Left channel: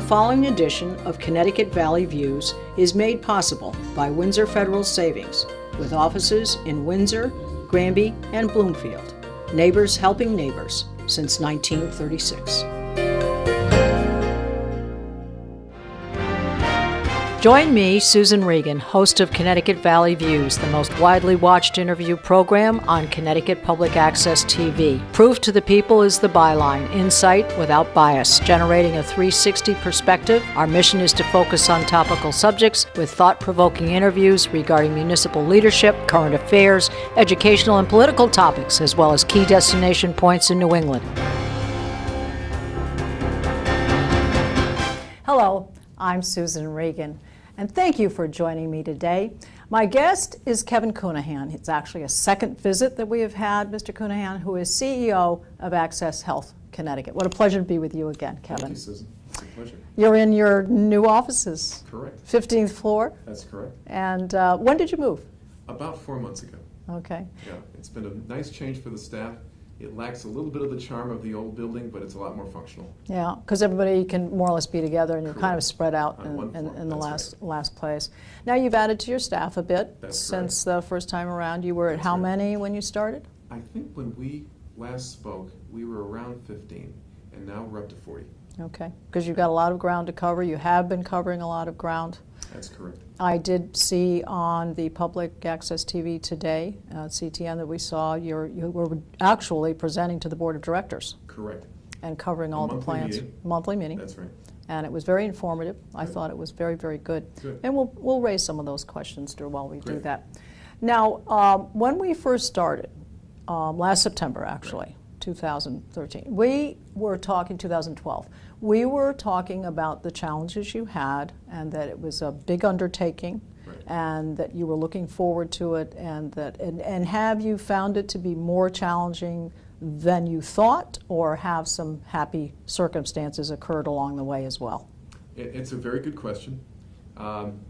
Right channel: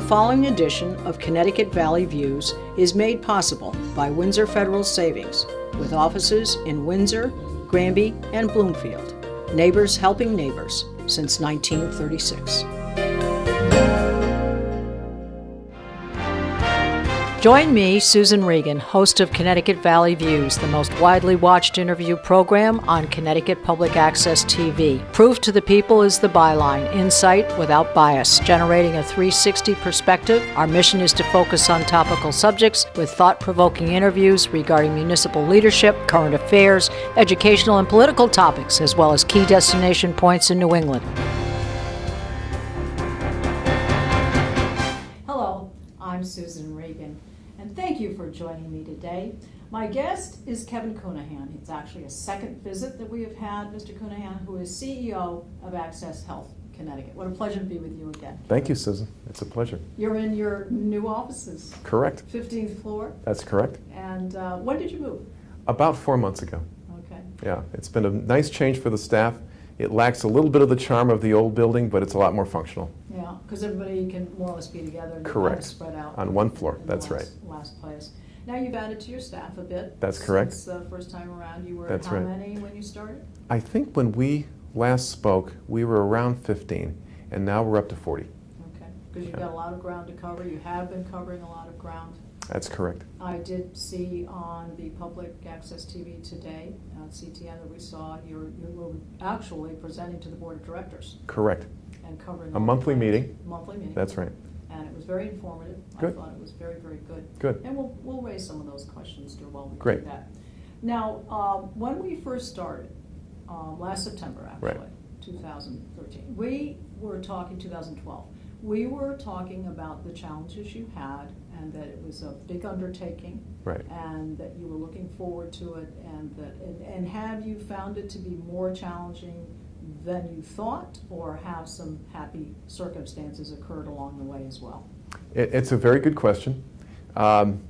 The following edition of Connecticut Valley Views is made possible by Windsor Federal Savings, with offices in Windsor, Granby, and Bloomfield. Neighbors helping neighbors since 1936. Join me, Susan Regan, host of Connecticut Valley Views, the most widely watched interview program on Connecticut Public Access TV. Proof to the people is the byline, insight without bias, generating a 360 perspective. Our mission is to focus on topical subjects with thought-provoking interviews regarding municipal leadership, current affairs, educational and political topics, as well as key destination points in New England. Hello, I'm Susan Regan, and thank you for joining me today. My guest is Kevin Counihan. It's actually a second visit that we have had, Mr. Counihan, who is CEO of Access Health Connecticut. What a pleasure to be with you again, Kevin. Thank you, Susan. It's a pleasure. You're in your new offices. Correct. 15th floor. That's correct. And when did you move? About 4 months ago. Okay. Yeah, it's been a nice change for the staff. It lacks a little bit of the charm of the old building, but it's a lot more functional. Yeah, because everybody can more or less be together and you're kind of spread out on one floor. In That's the last place. Now you've added to your staff a bit. That's correct. Since the first time around. You were at how many when you started? I think when we last spoke, we were around 15, and now we're up to 40. Okay, because you've got a lot of ground to cover. You have been covering a lot of ground. That's correct. I did see on the Public Access TV today, CTN, that we saw you were actually presenting to the Board of Directors. Correct. And covering all a the monthly plans. meeting. Monthly meeting. That's right. And it was very informative. Good. I thought it was very, very good. Good. And we'll raise some of those questions while we Great. do that. Now, when we first started, last September actually, Right. 2013, we were talking 2012. We were talking about the challenges you had and that it was a big undertaking, Right. and that you were looking forward to it, and have you found it to be more challenging than you thought, or have some happy circumstances occurred along the way as well? It's a very good question. I'm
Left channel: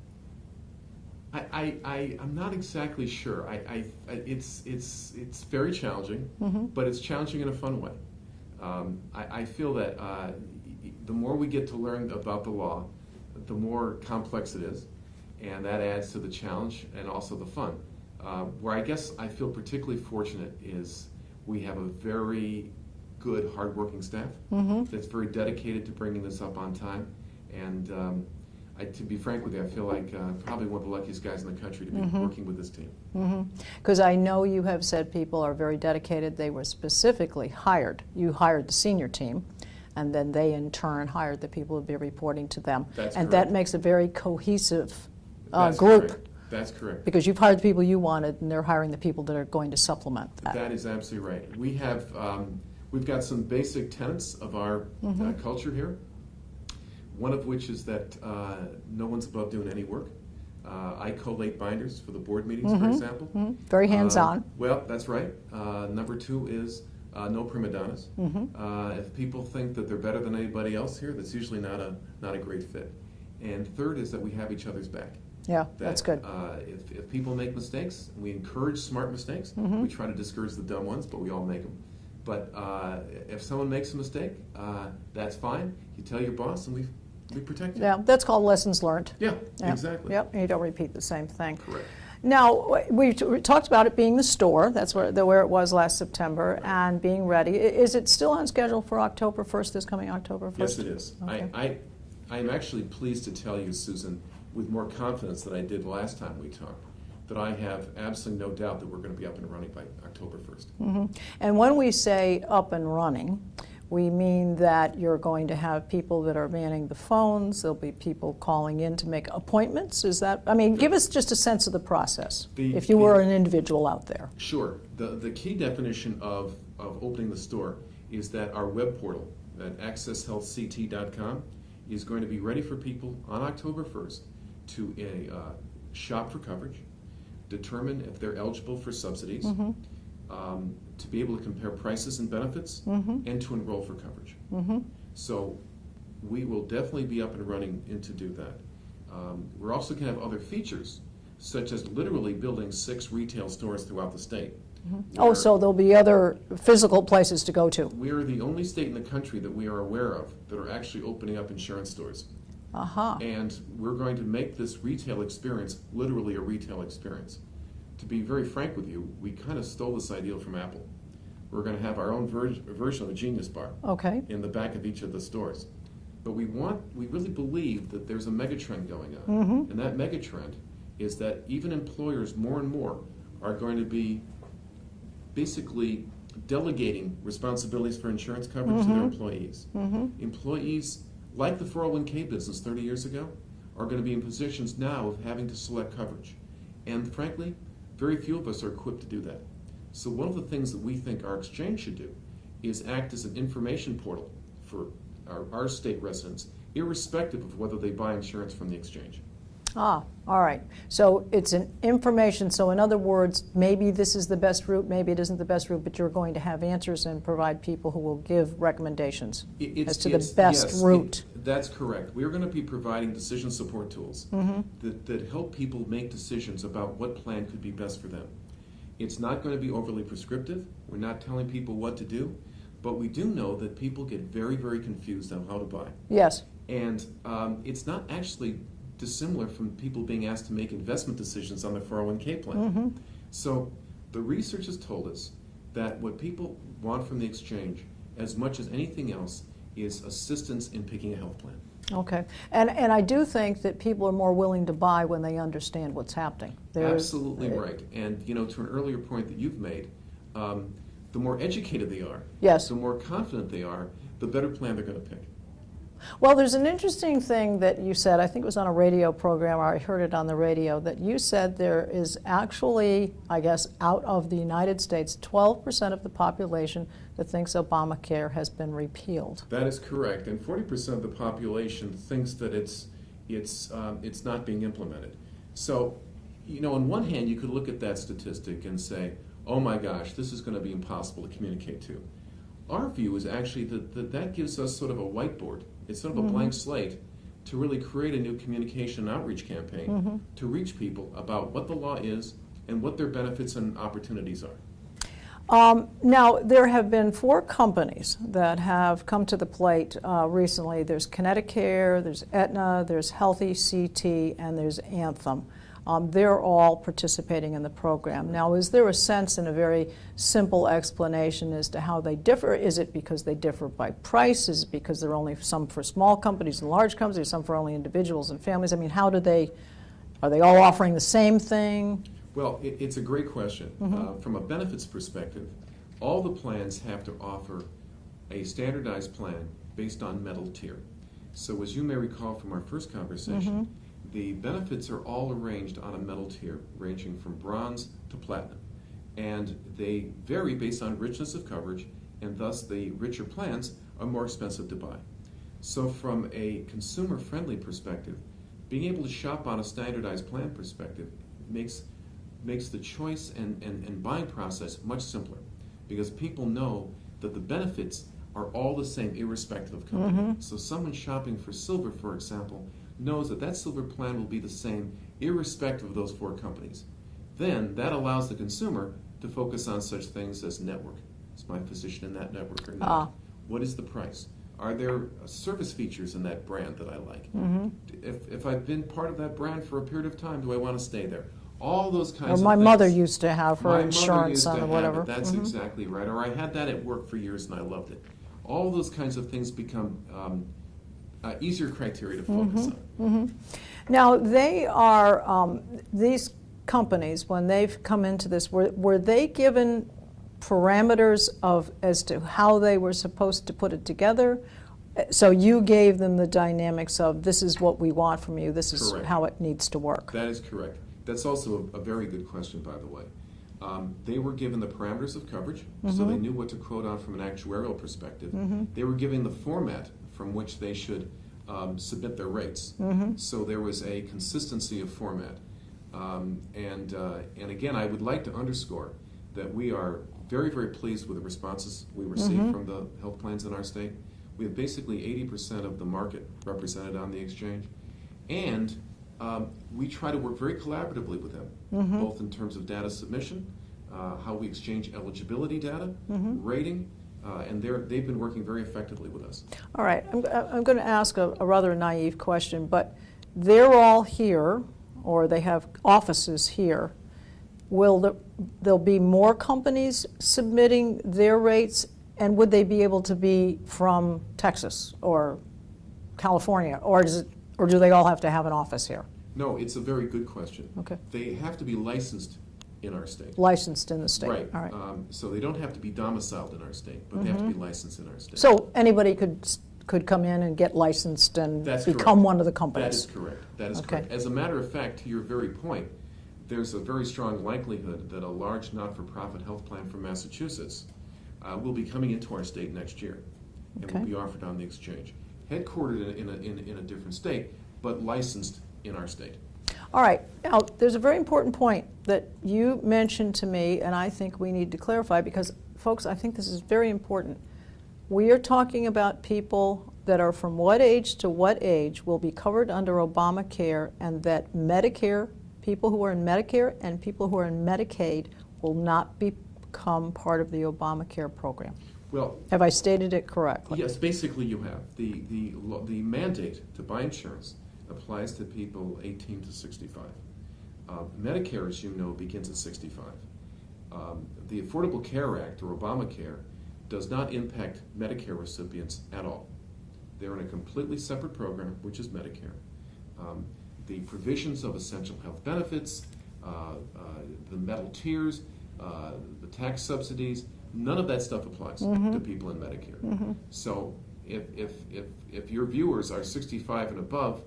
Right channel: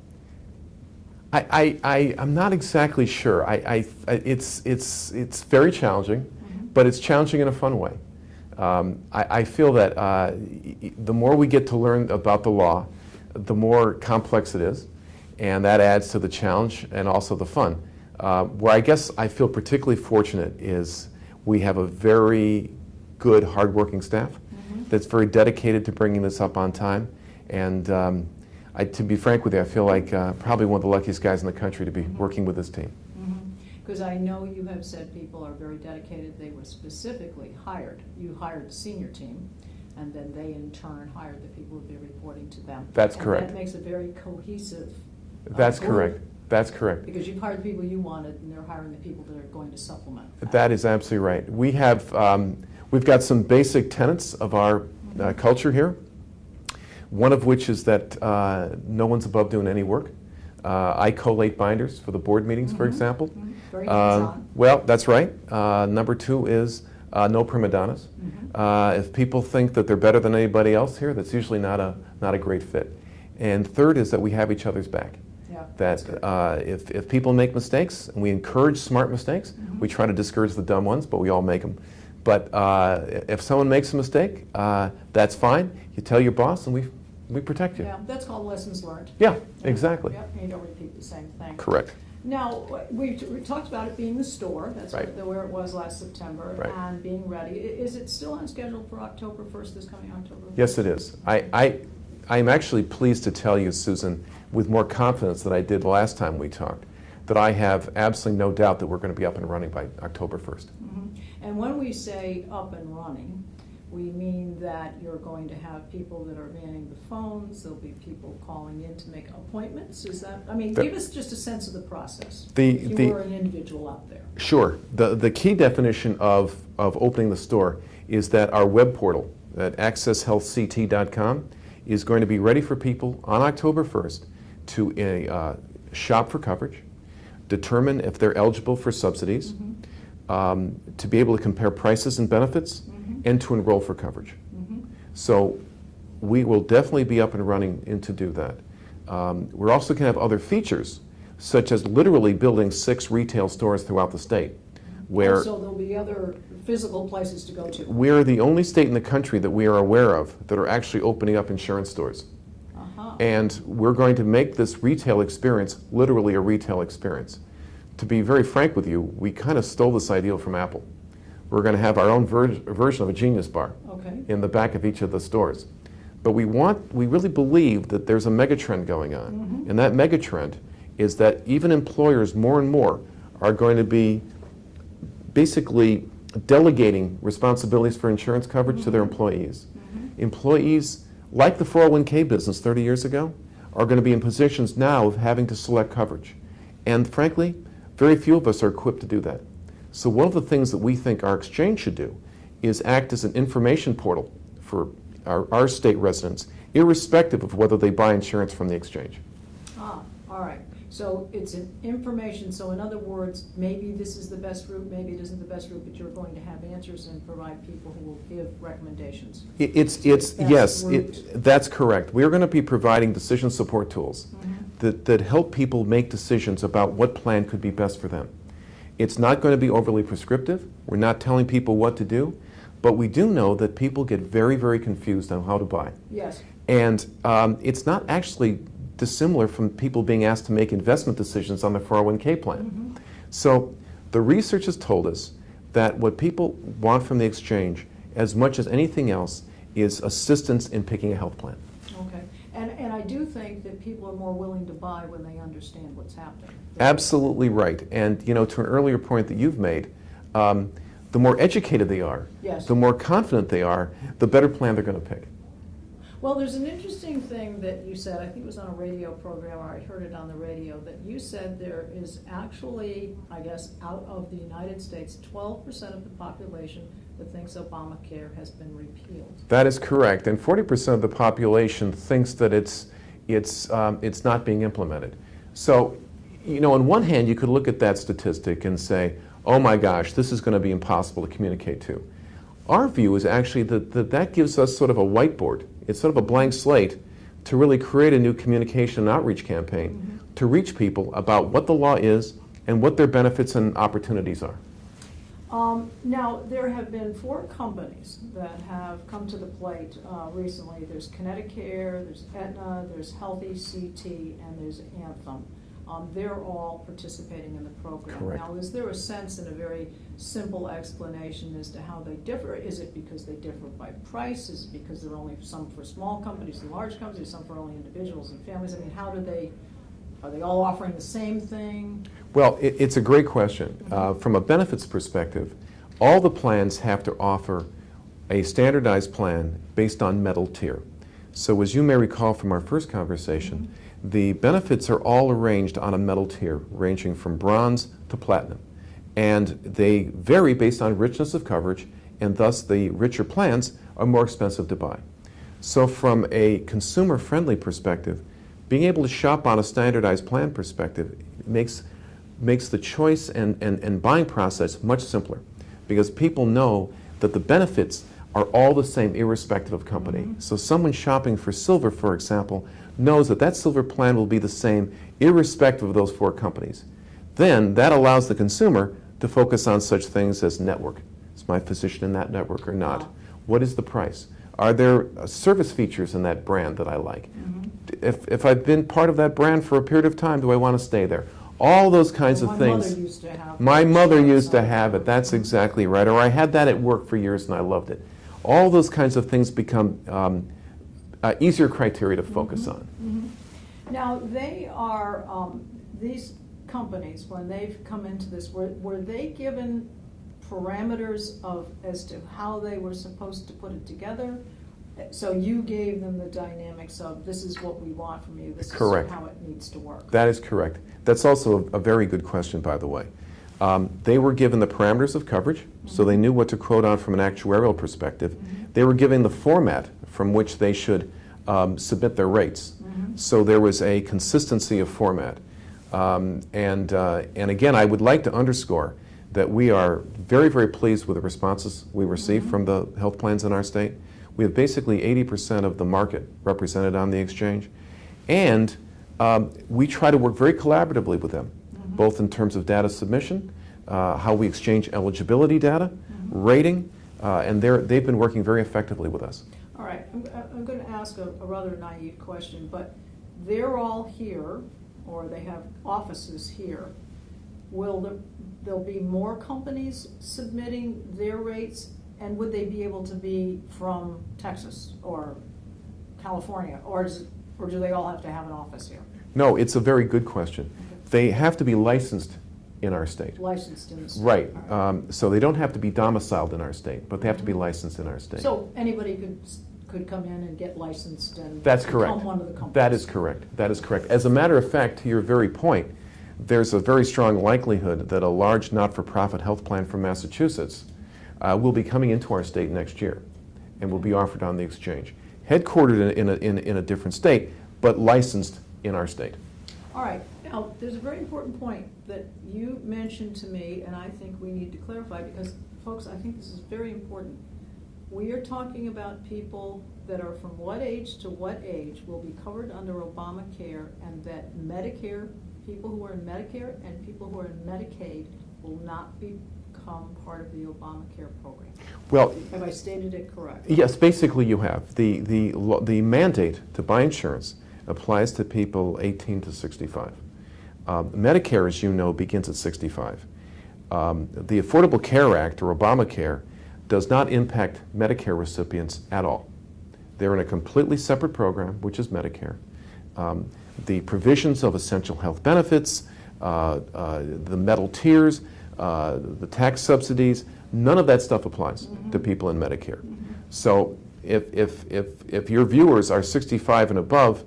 not exactly sure. It's very challenging, but it's challenging in a fun way. I feel that the more we get to learn about the law, the more complex it is, and that adds to the challenge and also the fun. Where I guess I feel particularly fortunate is we have a very good, hardworking staff that's very dedicated to bringing this up on time. And to be frank with you, I feel like probably one of the luckiest guys in the country to be working with this team. Because I know you have said people are very dedicated. They were specifically hired. You hired the senior team, and then they in turn hired the people who would be reporting to them. That's and correct. that makes a very cohesive That's group. correct. That's correct. Because you've hired the people you wanted, and they're hiring the people that are going to supplement that. That is absolutely right. We have, we've got some basic tenets of our culture here. One of which is that no one's above doing any work. I collate binders for the board meetings, for example. Very hands-on. Well, that's right. Number two is no prima donnas. If people think that they're better than anybody else here, that's usually not a great fit. And third is that we have each other's back. Yeah, that's good. If people make mistakes, and we encourage smart mistakes, we try to discourage the dumb ones, but we all make them. But if someone makes a mistake, that's fine. You tell your boss, and we protect you. Yeah, that's called lessons learned. Yeah, exactly. Yep, and you don't repeat the same thing. Correct. Now, we talked about it being the store. That's Right. where it was last September, Right. and being ready. Is it still on schedule for October 1st, this coming October 1st? Yes, it is. Okay. I'm actually pleased to tell you, Susan, with more confidence than I did last time we talked, that I have absolutely no doubt that we're going to be up and running by October 1st. And when we say up and running, we mean that you're going to have people that are manning the phones. There'll be people calling in to make appointments. Is that, I mean, give us just a sense of the process, if you were an individual out there. Sure. The key definition of opening the store is that our web portal at accesshealthct.com is going to be ready for people on October 1st to shop for coverage, determine if they're eligible for subsidies, to be able to compare prices and benefits, and to enroll for coverage. So we will definitely be up and running to do that. We're also going to have other features, such as literally building 6 retail stores throughout the state. where so there'll be other physical places to go to. we're the only state in the country that we are aware of that are actually opening up insurance stores. And we're going to make this retail experience literally a retail experience. To be very frank with you, we kind of stole this idea from Apple. We're going to have our own version of a Genius Bar in the back of each of the stores. But we really believe that there's a megatrend going on. And that megatrend is that even employers more and more are going to be basically delegating responsibilities for insurance coverage to their employees. Employees, like the 401k business 30 years ago, are going to be in positions now of having to select coverage. And frankly, very few of us are equipped to do that. So one of the things that we think our exchange should do is act as an information portal for our state residents, irrespective of whether they buy insurance from the exchange. All right. So it's an information, so in other words, maybe this is the best route, maybe it isn't the best route, but you're going to have answers and provide people who will give recommendations as to the best route. That's correct. We're going to be providing decision support tools that help people make decisions about what plan could be best for them. It's not going to be overly prescriptive. We're not telling people what to do, but we do know that people get very, very confused on how to buy. Yes. And it's not actually dissimilar from people being asked to make investment decisions on their 401k plan. So the research has told us that what people want from the exchange, as much as anything else, is assistance in picking a health plan. Okay. And I do think that people are more willing to buy when they understand what's happening. Absolutely right. And to an earlier point that you've made, the more educated they are, the more confident they are, the better plan they're going to pick. Well, there's an interesting thing that you said, I think it was on a radio program, or I heard it on the radio, that you said there is actually, I guess, out of the United States, 12% of the population that thinks Obamacare has been repealed. That is correct, and 40% of the population thinks that it's not being implemented. So, on one hand, you could look at that statistic and say, oh my gosh, this is going to be impossible to communicate to. Our view is actually that gives us sort of a whiteboard. It's sort of a blank slate to really create a new communication and outreach campaign to reach people about what the law is and what their benefits and opportunities are. Now, there have been 4 companies that have come to the plate recently. There's Connecticut, there's Aetna, there's Healthy CT, and there's Anthem. They're all participating in the program. Correct. Now, is there a sense and a very simple explanation as to how they differ? Is it because they differ by price? Is it because there are only some for small companies and large companies, some for only individuals and families? I mean, are they all offering the same thing? Well, it's a great question. From a benefits perspective, all the plans have to offer a standardized plan based on metal tier. So as you may recall from our first conversation, the benefits are all arranged on a metal tier, ranging from bronze to platinum. And they vary based on richness of coverage, and thus the richer plans are more expensive to buy. So from a consumer-friendly perspective, being able to shop on a standardized plan perspective makes the choice and buying process much simpler, because people know that the benefits are all the same irrespective of company. So someone shopping for silver, for example, knows that silver plan will be the same irrespective of those 4 companies. Then that allows the consumer to focus on such things as network. Is my physician in that network or not? What is the price? Are there service features in that brand that I like? If I've been part of that brand for a period of time, do I want to stay there? All those kinds of things. My mother used to have her My mother used to insurance have it. That's exactly right. Or I had that at work for years and I loved it. All those kinds of things become easier criteria to focus on. Now, they are, these companies, when they've come into this, were they given parameters as to how they were supposed to put it together? So you gave them the dynamics of, this is what we want from you, this is how it needs to work. That is correct. That's also a very good question, by the way. They were given the parameters of coverage, so they knew what to quote on from an actuarial perspective. They were given the format from which they should submit their rates. So there was a consistency of format. And again, I would like to underscore that we are very, very pleased with the responses we receive from the health plans in our state. We have basically 80% of the market represented on the exchange. And we try to work very collaboratively with them, both in terms of data submission, how we exchange eligibility data, rating, and they've been working very effectively with us. All right, I'm going to ask a rather naive question, but they're all here, or they have offices here. There'll be more companies submitting their rates, and would they be able to be from Texas or California, or do they all have to have an office here? No, it's a very good question. Okay. They have to be licensed in our state. Licensed in the state. Right. All right. So they don't have to be domiciled in our state, but they have to be licensed in our state. So anybody could come in and get licensed and That's become correct. one of the companies? That is correct. That is Okay. correct. As a matter of fact, to your very point, there's a very strong likelihood that a large not-for-profit health plan from Massachusetts will be coming into our state next year and will Okay. be offered on the exchange. Headquartered in a different state, but licensed in our state. All right, now, there's a very important point that you mentioned to me, and I think we need to clarify, because, folks, I think this is very important. We are talking about people that are from what age to what age will be covered under Obamacare, and that Medicare, people who are in Medicare and people who are in Medicaid will not become part of the Obamacare program. Well, Have I stated it correctly? yes, basically you have. The mandate to buy insurance applies to people 18 to 65. Medicare, as you know, begins at 65. The Affordable Care Act, or Obamacare, does not impact Medicare recipients at all. They're in a completely separate program, which is Medicare. The provisions of essential health benefits, the metal tiers, the tax subsidies, none of that stuff applies to people in Medicare. So if your viewers are 65 and above,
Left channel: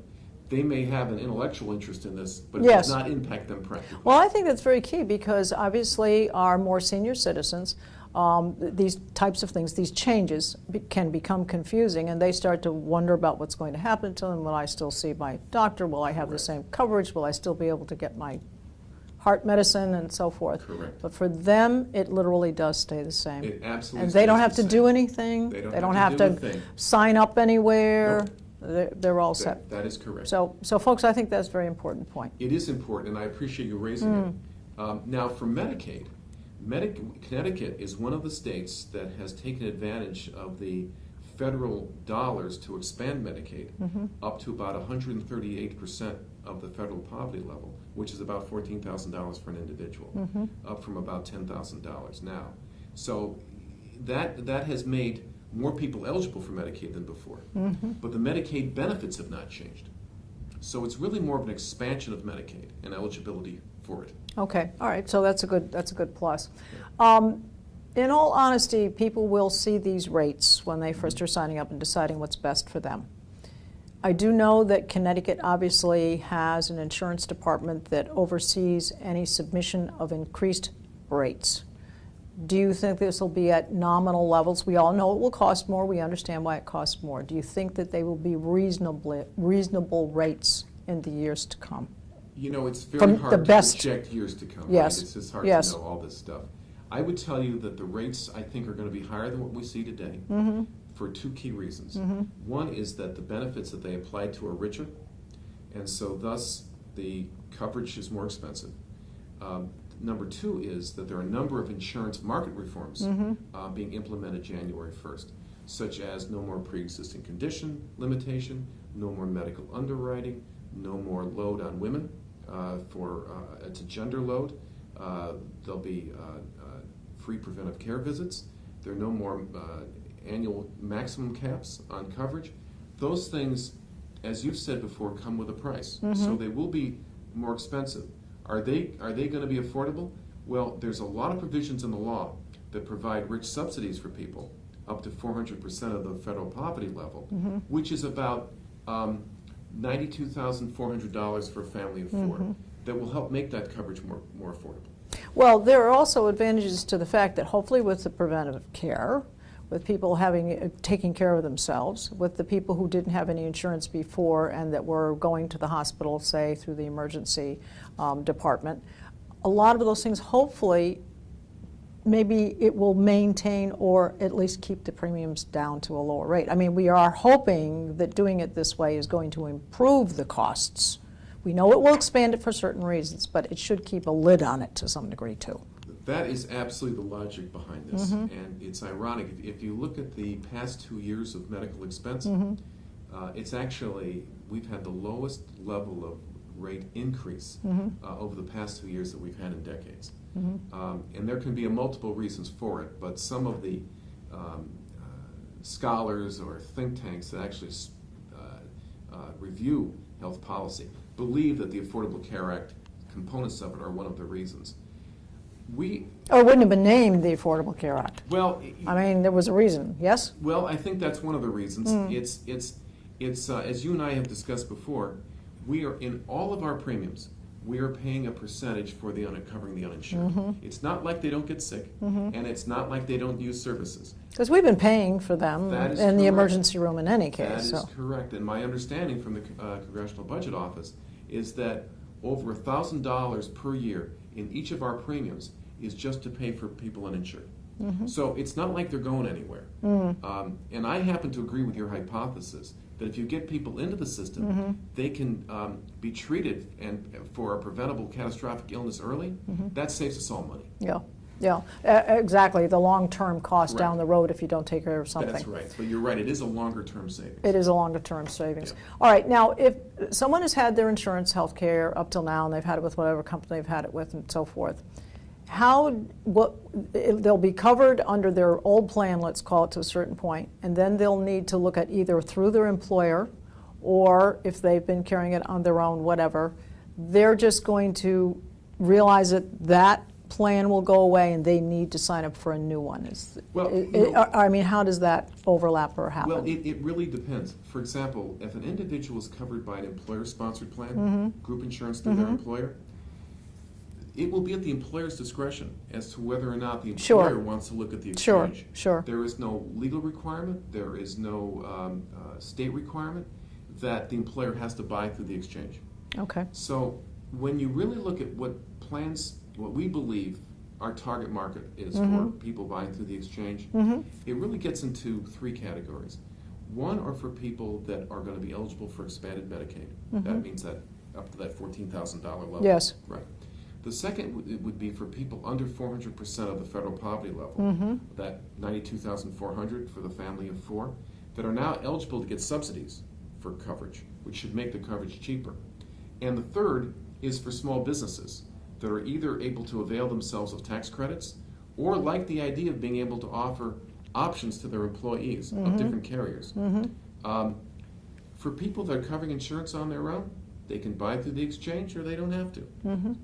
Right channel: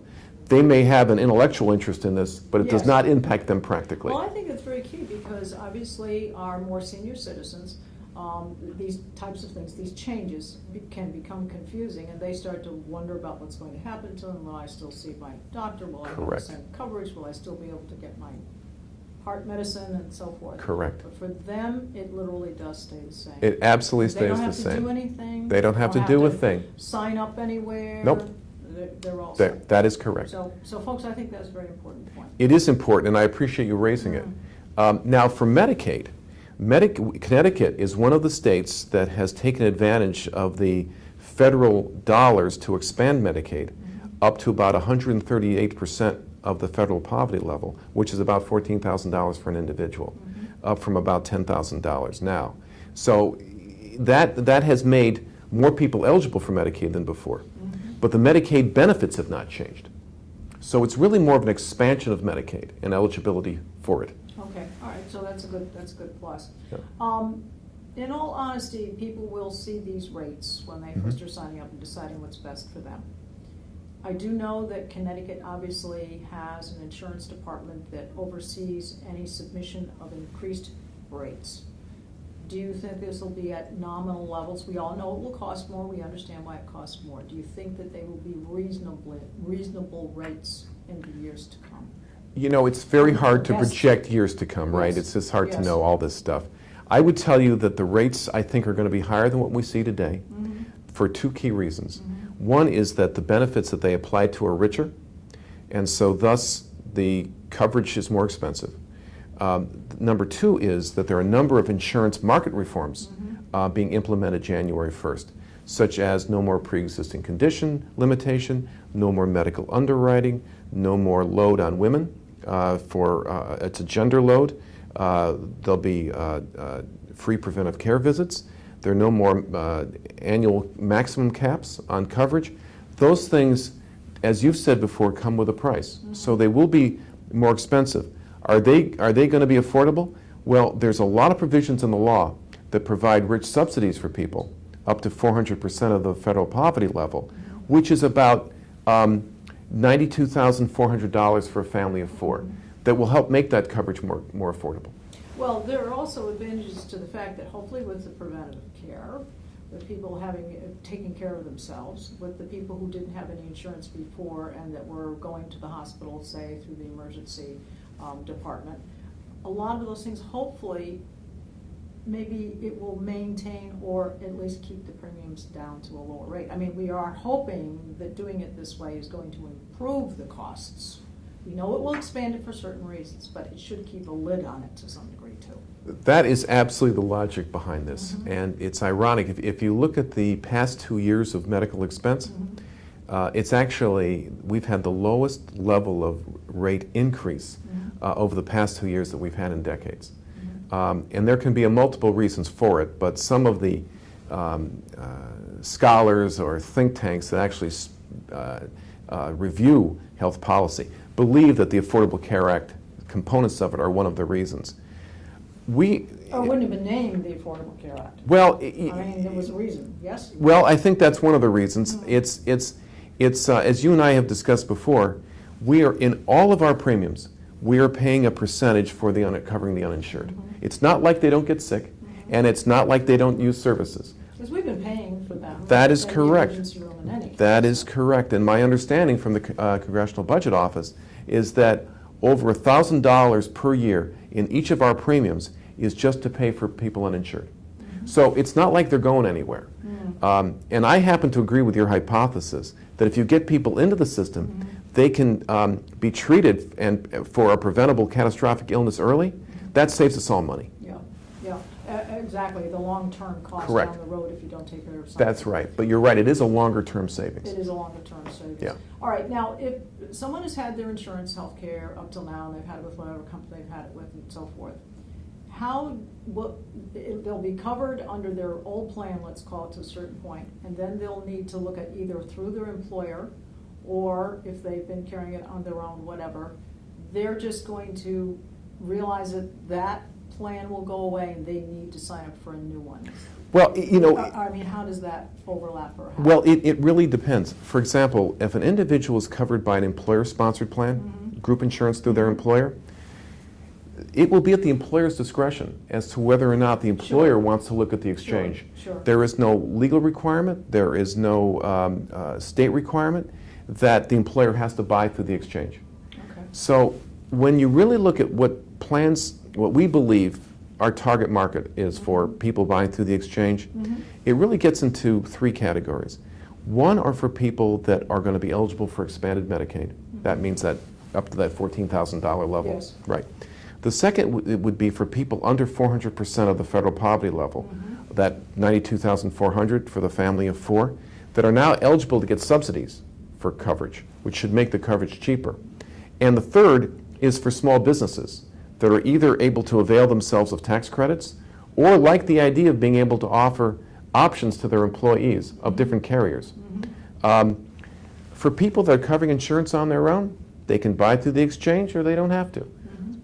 they may have an intellectual interest in this, but it Yes. does not impact them practically. Well, I think that's very key, because obviously our more senior citizens, these types of things, these changes can become confusing, and they start to wonder about what's going to happen to them. Will I still see my doctor? Will I have the Correct. same coverage? Will I still be able to get my heart medicine and so forth? Correct. But for them, it literally does stay the same. It absolutely And stays they don't the have to same. do anything. They don't have to do a thing. Sign up anywhere. Nope. They're all set. That is correct. So folks, I think that's a very important point. It is important, and I appreciate you raising it. Now, for Medicaid, Connecticut is one of the states that has taken advantage of the federal dollars to expand Medicaid up to about 138% of the federal poverty level, which is about $14,000 for an individual, up from about $10,000 now. So that has made more people eligible for Medicaid than before. But the Medicaid benefits have not changed. So it's really more of an expansion of Medicaid and eligibility for it. Okay, all right, so that's a good plus. Yeah. In all honesty, people will see these rates when they first are signing up and deciding what's best for them. I do know that Connecticut obviously has an insurance department that oversees any submission of increased rates. Do you think this will be at nominal levels? We all know it will cost more. We understand why it costs more. Do you think that they will be reasonable rates in the years to come? You know, it's very From hard the to best- project years to come, right? Yes. It's just hard Yes. to know all this stuff. I would tell you that the rates, I think, are going to be higher than what we see today for two key reasons. One is that the benefits that they apply to are richer, and so thus the coverage is more expensive. Number two is that there are a number of insurance market reforms being implemented January 1st, such as no more pre-existing condition limitation, no more medical underwriting, no more load on women it's a gender load. There'll be free preventive care visits. There are no more annual maximum caps on coverage. Those things, as you've said before, come with a price. So they will be more expensive. Are they going to be affordable? Well, there's a lot of provisions in the law that provide rich subsidies for people, up to 400% of the federal poverty level, which is about $92,400 for a family of four, that will help make that coverage more affordable. Well, there are also advantages to the fact that hopefully with the preventive care, with people taking care of themselves, with the people who didn't have any insurance before and that were going to the hospital, say, through the emergency department, a lot of those things, hopefully, maybe it will maintain or at least keep the premiums down to a lower rate. I mean, we are hoping that doing it this way is going to improve the costs. We know it will expand it for certain reasons, but it should keep a lid on it to some degree too. That is absolutely the logic behind this. And it's ironic. If you look at the past 2 years of medical expense, it's actually, we've had the lowest level of rate increase over the past 2 years that we've had in decades. And there can be multiple reasons for it, but some of the scholars or think tanks that actually review health policy believe that the Affordable Care Act components of it are one of the reasons. It wouldn't have been named the Affordable Care Act. Well, I mean, there was a reason, yes? Well, I think that's one of the reasons. It's as you and I have discussed before, we are, in all of our premiums, we are paying a percentage for covering the uninsured. It's not like they don't get sick, and it's not like they don't use services. Because we've been paying for them That is in correct. the emergency room in any case. That is correct. And my understanding from the Congressional Budget Office is that over $1,000 per year in each of our premiums is just to pay for people uninsured. So it's not like they're going anywhere. And I happen to agree with your hypothesis that if you get people into the system, they can be treated for a preventable catastrophic illness early. That saves us all money. Yeah, exactly. The long-term cost Correct. down the road if you don't take care of something. That's right. But you're right, it is a longer-term savings. It is a longer-term savings. Yeah. All right, now, if someone has had their insurance health care up till now, and they've had it with whatever company they've had it with and so forth, they'll be covered under their old plan, let's call it, to a certain point, and then they'll need to look at either through their employer, or if they've been carrying it on their own, whatever, they're just going to realize that plan will go away and they need to sign up for a new one. Well, I mean, how does that overlap or happen? Well, it really depends. For example, if an individual is covered by an employer-sponsored plan, group insurance through their employer, it will be at the employer's discretion as to whether or not the employer wants to look at the exchange. Sure. There is no legal requirement, there is no state requirement that the employer has to buy through the exchange. Okay. So when you really look at what we believe our target market is for people buying through the exchange, it really gets into 3 categories. One are for people that are going to be eligible for expanded Medicaid. That means that up to that $14,000 level. Yes. Right. The second would be for people under 400% of the federal poverty level, that $92,400 for the family of 4, that are now eligible to get subsidies for coverage, which should make the coverage cheaper. And the third is for small businesses that are either able to avail themselves of tax credits or like the idea of being able to offer options to their employees of different carriers. For people that are covering insurance on their own, they can buy through the exchange or they don't have to.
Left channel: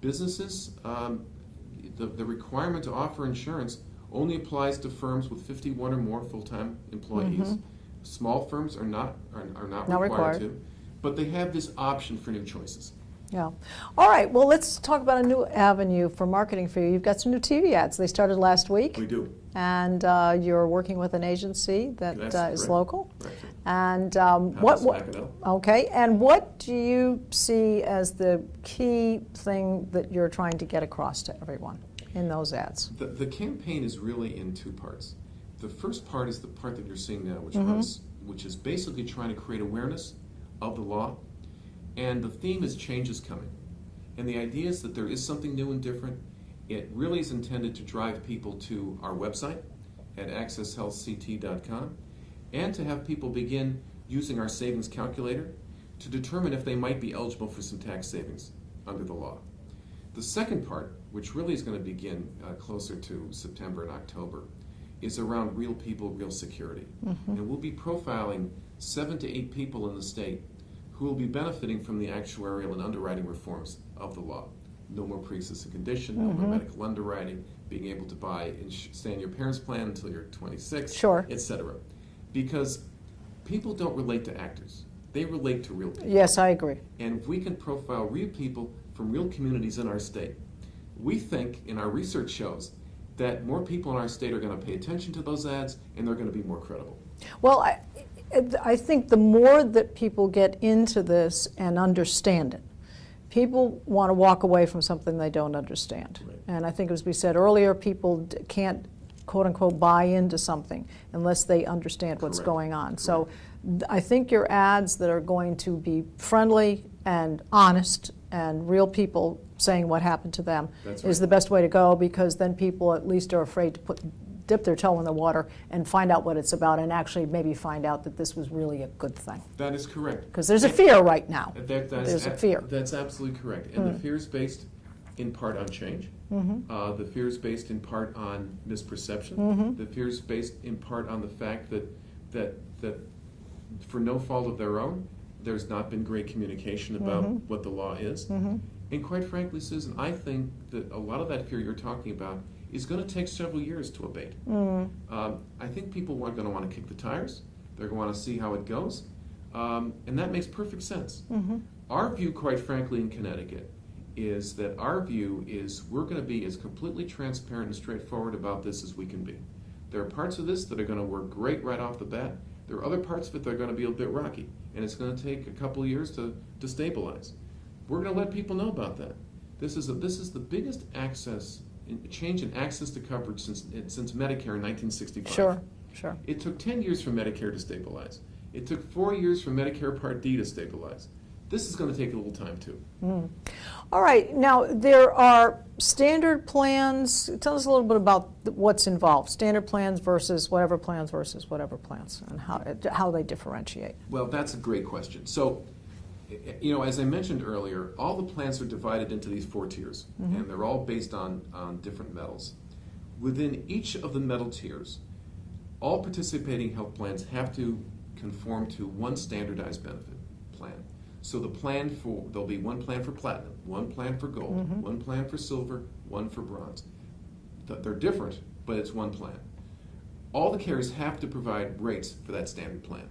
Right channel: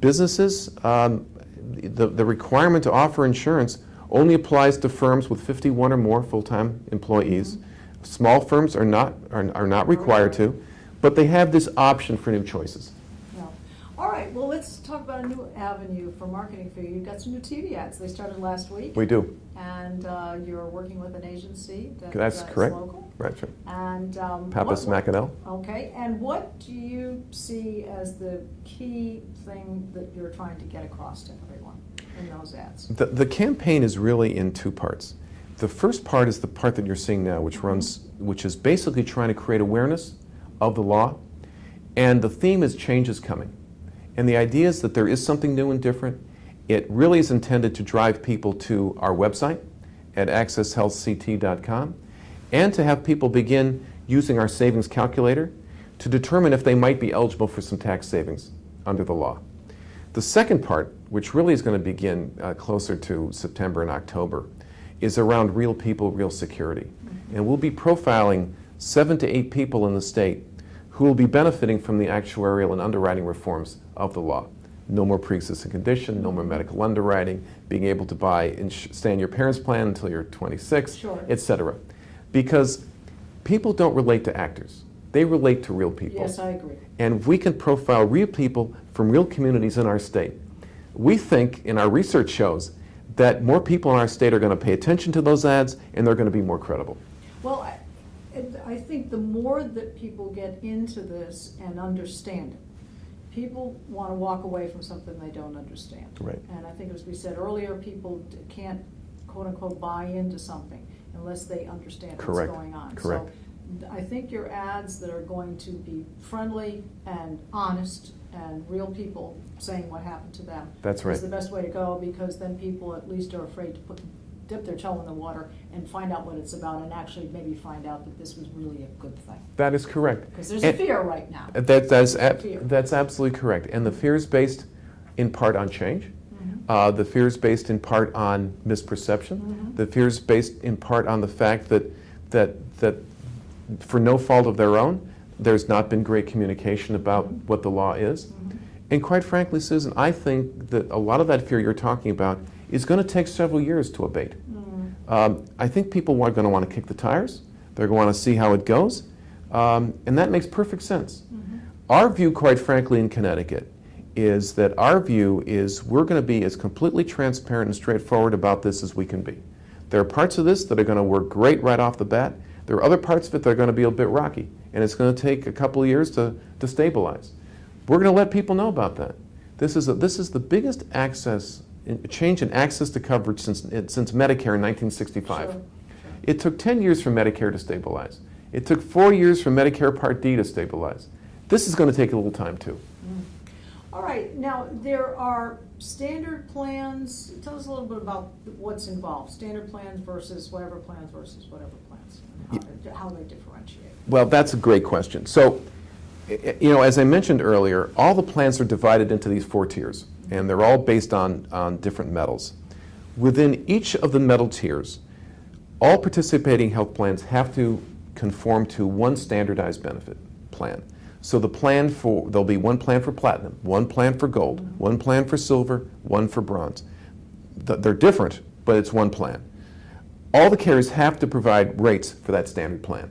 Businesses, the requirement to offer insurance only applies to firms with 51 or more full-time employees. Small firms are not required to, but they have this option for new choices. Yeah. All right, well, let's talk about a new avenue for marketing for you. You've got some new TV ads. They started last week. We do. And you're working with an agency that is local. Right. And Pappas Mackinac. Okay, and what do you see as the key thing that you're trying to get across to everyone in those ads? The campaign is really in 2 parts. The first part is the part that you're seeing now, which is basically trying to create awareness of the law. And the theme is change is coming. And the idea is that there is something new and different. It really is intended to drive people to our website at accesshealthct.com and to have people begin using our savings calculator to determine if they might be eligible for some tax savings under the law. The second part, which really is going to begin closer to September and October, is around real people, real security. And we'll be profiling 7 to 8 people in the state who will be benefiting from the actuarial and underwriting reforms of the law. No more pre-existing condition, no more medical underwriting, being able to stay in your parents' plan until you're 26, etc. Because people don't relate to actors. They relate to real people. Yes, I agree. And we can profile real people from real communities in our state. We think, and our research shows, that more people in our state are going to pay attention to those ads and they're going to be more credible. Well, I think the more that people get into this and understand it, people want to walk away from something they don't understand. Right. And I think, as we said earlier, people can't, quote unquote, buy into something unless they understand what's going on. So I think your ads that are going to be friendly and honest and real people saying what happened to them That's right. is the best way to go, because then people at least are afraid to dip their toe in the water and find out what it's about, and actually maybe find out that this was really a good thing. That is correct. Because there's a fear right now. There's a fear. That's absolutely correct. And the fear is based in part on change. The fear is based in part on misperception. The fear is based in part on the fact that for no fault of their own, there's not been great communication about what the law is. And quite frankly, Susan, I think that a lot of that fear you're talking about is going to take several years to abate. I think people are going to want to kick the tires. They're going to want to see how it goes. And that makes perfect sense. Our view, quite frankly, in Connecticut is that our view is we're going to be as completely transparent and straightforward about this as we can be. There are parts of this that are going to work great right off the bat. There are other parts of it that are going to be a bit rocky, and it's going to take a couple of years to stabilize. We're going to let people know about that. This is the biggest change in access to coverage since Medicare in 1965. Sure. It took 10 years for Medicare to stabilize. It took 4 years for Medicare Part D to stabilize. This is going to take a little time too. All right, now there are standard plans. Tell us a little bit about what's involved. Standard plans versus whatever plans, and how they differentiate. Well, that's a great question. So, as I mentioned earlier, all the plans are divided into these 4 tiers, and they're all based on different metals. Within each of the metal tiers, all participating health plans have to conform to one standardized benefit plan. So there'll be one plan for platinum, one plan for gold, one plan for silver, one for bronze. They're different, but it's one plan. All the carriers have to provide rates for that standard plan.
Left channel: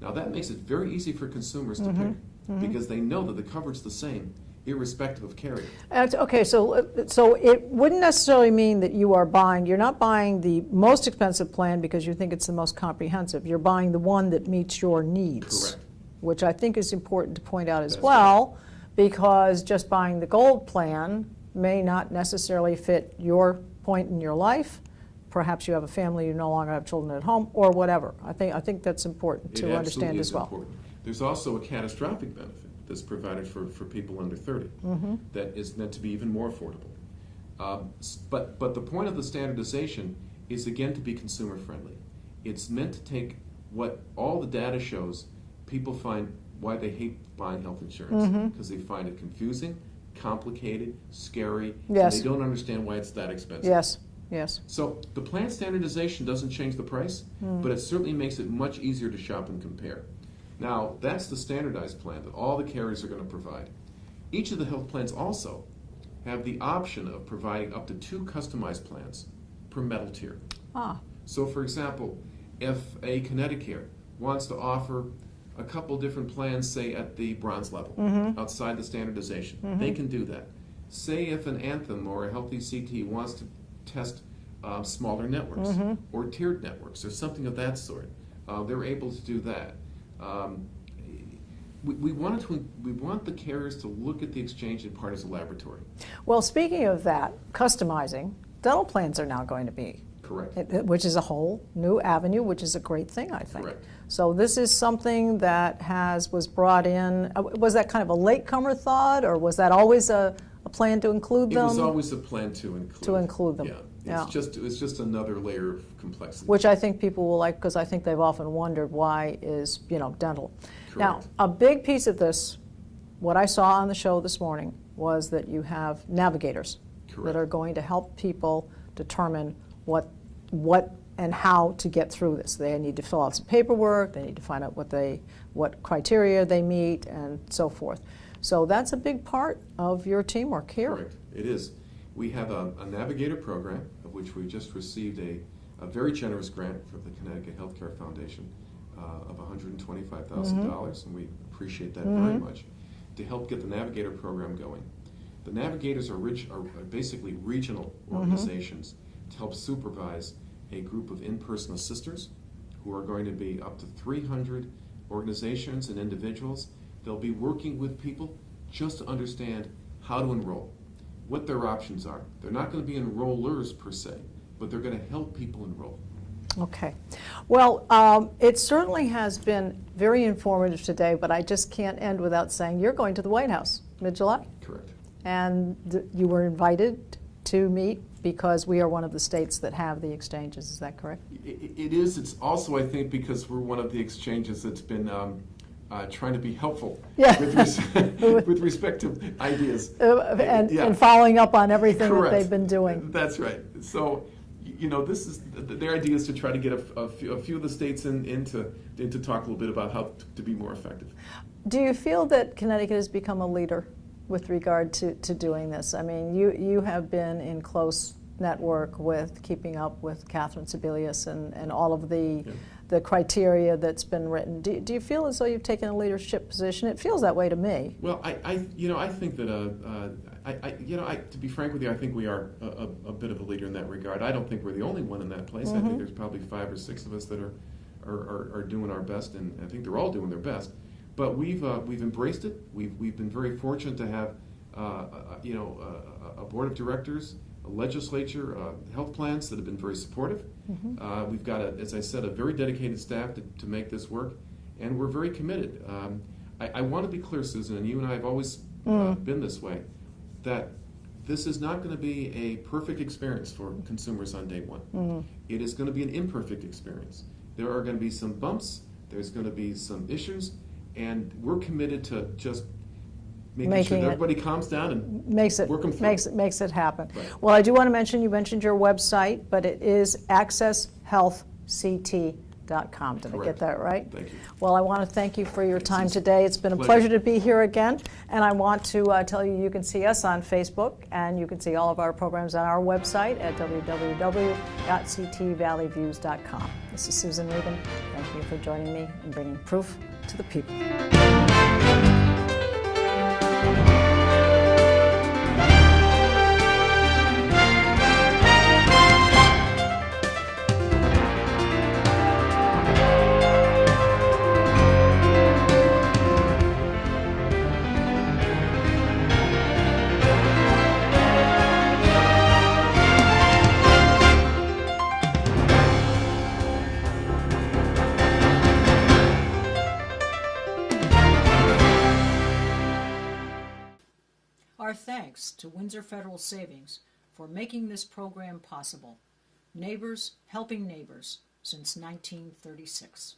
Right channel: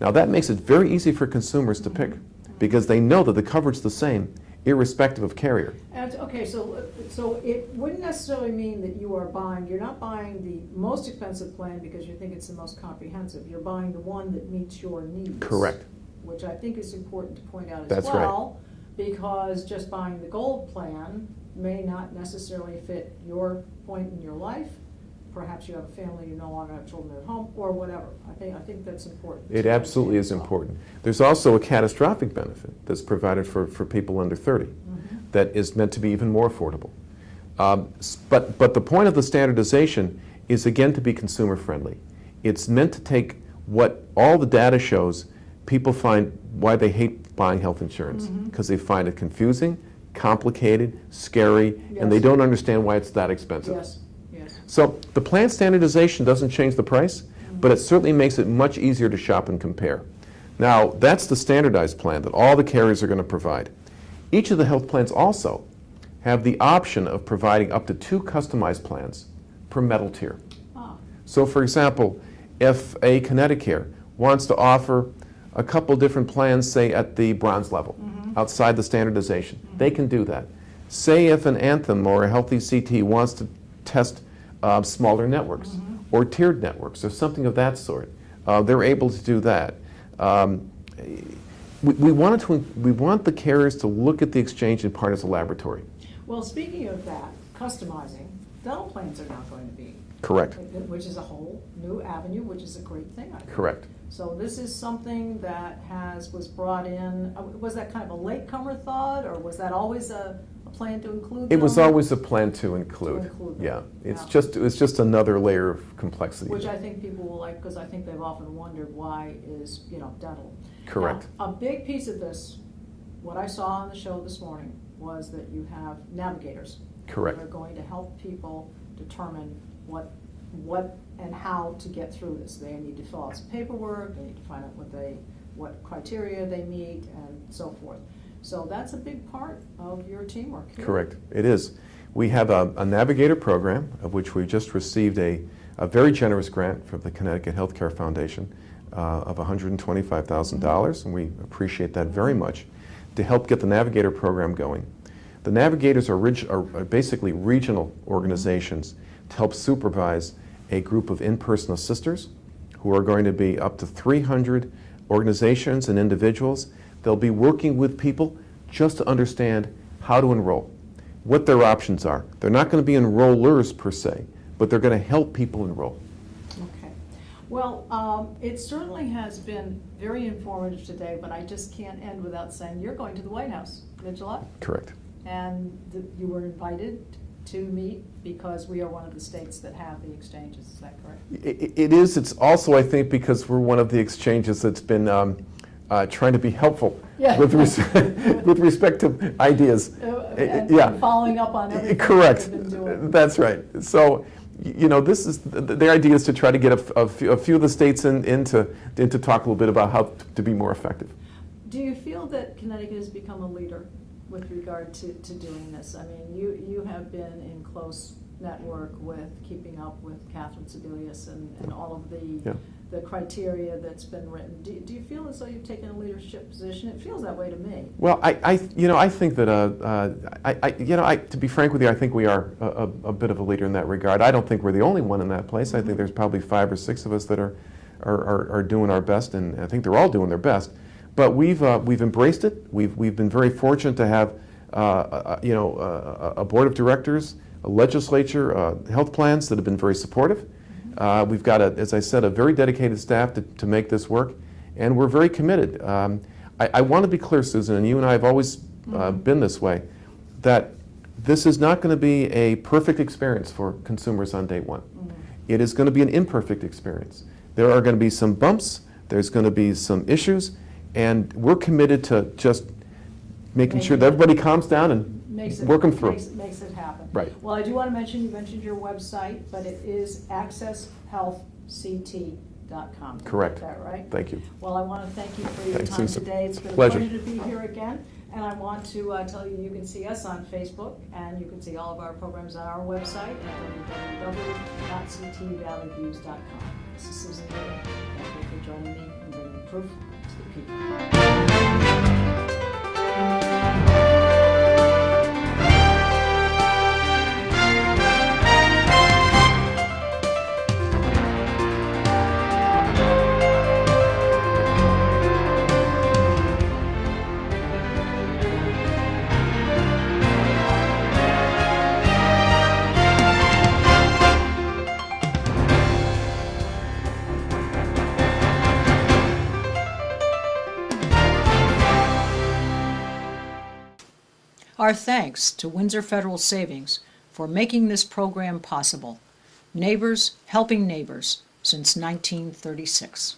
Now that makes it very easy for consumers to pick, because they know that the coverage is the same, irrespective of carrier. Okay, so it wouldn't necessarily mean that you're not buying the most expensive plan because you think it's the most comprehensive. You're buying the one that meets your needs. Correct. Which I think is important to point out as That's well, because just buying the gold plan may not necessarily fit your point in your life. Perhaps you have a family, you no longer have children at home, or whatever. I think that's important. It absolutely is important. There's also a catastrophic benefit that's provided for people under 30 that is meant to be even more affordable. But the point of the standardization is, again, to be consumer friendly. It's meant to take what all the data shows. People find why they hate buying health insurance, because they find it confusing, complicated, scary, and they don't understand why it's that expensive. Yes. So the plan standardization doesn't change the price, but it certainly makes it much easier to shop and compare. Now, that's the standardized plan that all the carriers are going to provide. Each of the health plans also have the option of providing up to 2 customized plans per metal tier. So, for example, if a Connecticut wants to offer a couple different plans, say at the bronze level, outside the standardization, they can do that. Say if an Anthem or a Healthy CT wants to test smaller networks or tiered networks or something of that sort, they're able to do that. We want the carriers to look at the exchange in part as a laboratory. Well, speaking of that, customizing, dental plans are now going to be. Correct. Which is a whole new avenue, which is a great thing, I think. Correct. So this is something that was brought in. Was that kind of a latecomer thought, or was that always a plan to include them? It was always a plan to include. To include them. Yeah. It's just another layer of complexity. Which I think people will like, because I think they've often wondered why is dental. Correct. Now, a big piece of this, what I saw on the show this morning, was that you have navigators. Correct. That are going to help people determine what and how to get through this. They need to fill out some paperwork, they need to find out what criteria they meet, and so forth. So that's a big part of your teamwork here. Correct, it is. We have a navigator program, of which we just received a very generous grant from the Connecticut Healthcare Foundation of $125,000, and we appreciate that very much, to help get the navigator program going. The navigators are basically regional organizations to help supervise a group of in-person assisters who are going to be up to 300 organizations and individuals. They'll be working with people just to understand how to enroll, what their options are. They're not going to be enrollers per se, but they're going to help people enroll. Okay. Well, it certainly has been very informative today, but I just can't end without saying you're going to the White House. mid-July? Correct. And you were invited to meet because we are one of the states that have the exchanges, is that correct? It is. It's also, I think, because we're one of the exchanges that's been trying to be helpful Yeah. with respect to ideas. And following up on everything that they've been doing. That's right. So, this is the idea is to try to get a few of the states into talk a little bit about how to be more effective. Do you feel that Connecticut has become a leader with regard to doing this? I mean, you have been in close network with keeping up with Catherine Sebelius and all of the criteria that's been written. Do you feel as though you've taken a leadership position? It feels that way to me. Well, I think that to be frank with you, I think we are a bit of a leader in that regard. I don't think we're the only one in that place. Mm-hmm. I think there's probably 5 or 6 of us that are doing our best, and I think they're all doing their best. But we've embraced it. We've been very fortunate to have a board of directors, a legislature, health plans that have been very supportive. Mm-hmm. We've got, as I said, a very dedicated staff to make this work, and we're very committed. I want to be clear, Susan, and you and I have always been this way, that this is not going to be a perfect experience for consumers on day one. Mm-hmm. It is going to be an imperfect experience. There are going to be some bumps. There's going to be some issues. And we're committed to just making sure that everybody calms down and work them through. Makes it happen. Right. Well, I do want to mention, you mentioned your website, but it is accesshealthct.com. Did I get that right? Thank you. Well, I want to thank you for your time today. It's been a Pleasure pleasure to be here again. And I want to tell you, you can see us on Facebook, and you can see all of our programs on our website at www.ctvalleyviews.com. This is Susan Regan. Thank you for joining me and bringing proof to the people. Our thanks to Windsor Federal Savings for making this program possible. Neighbors helping neighbors since 1936.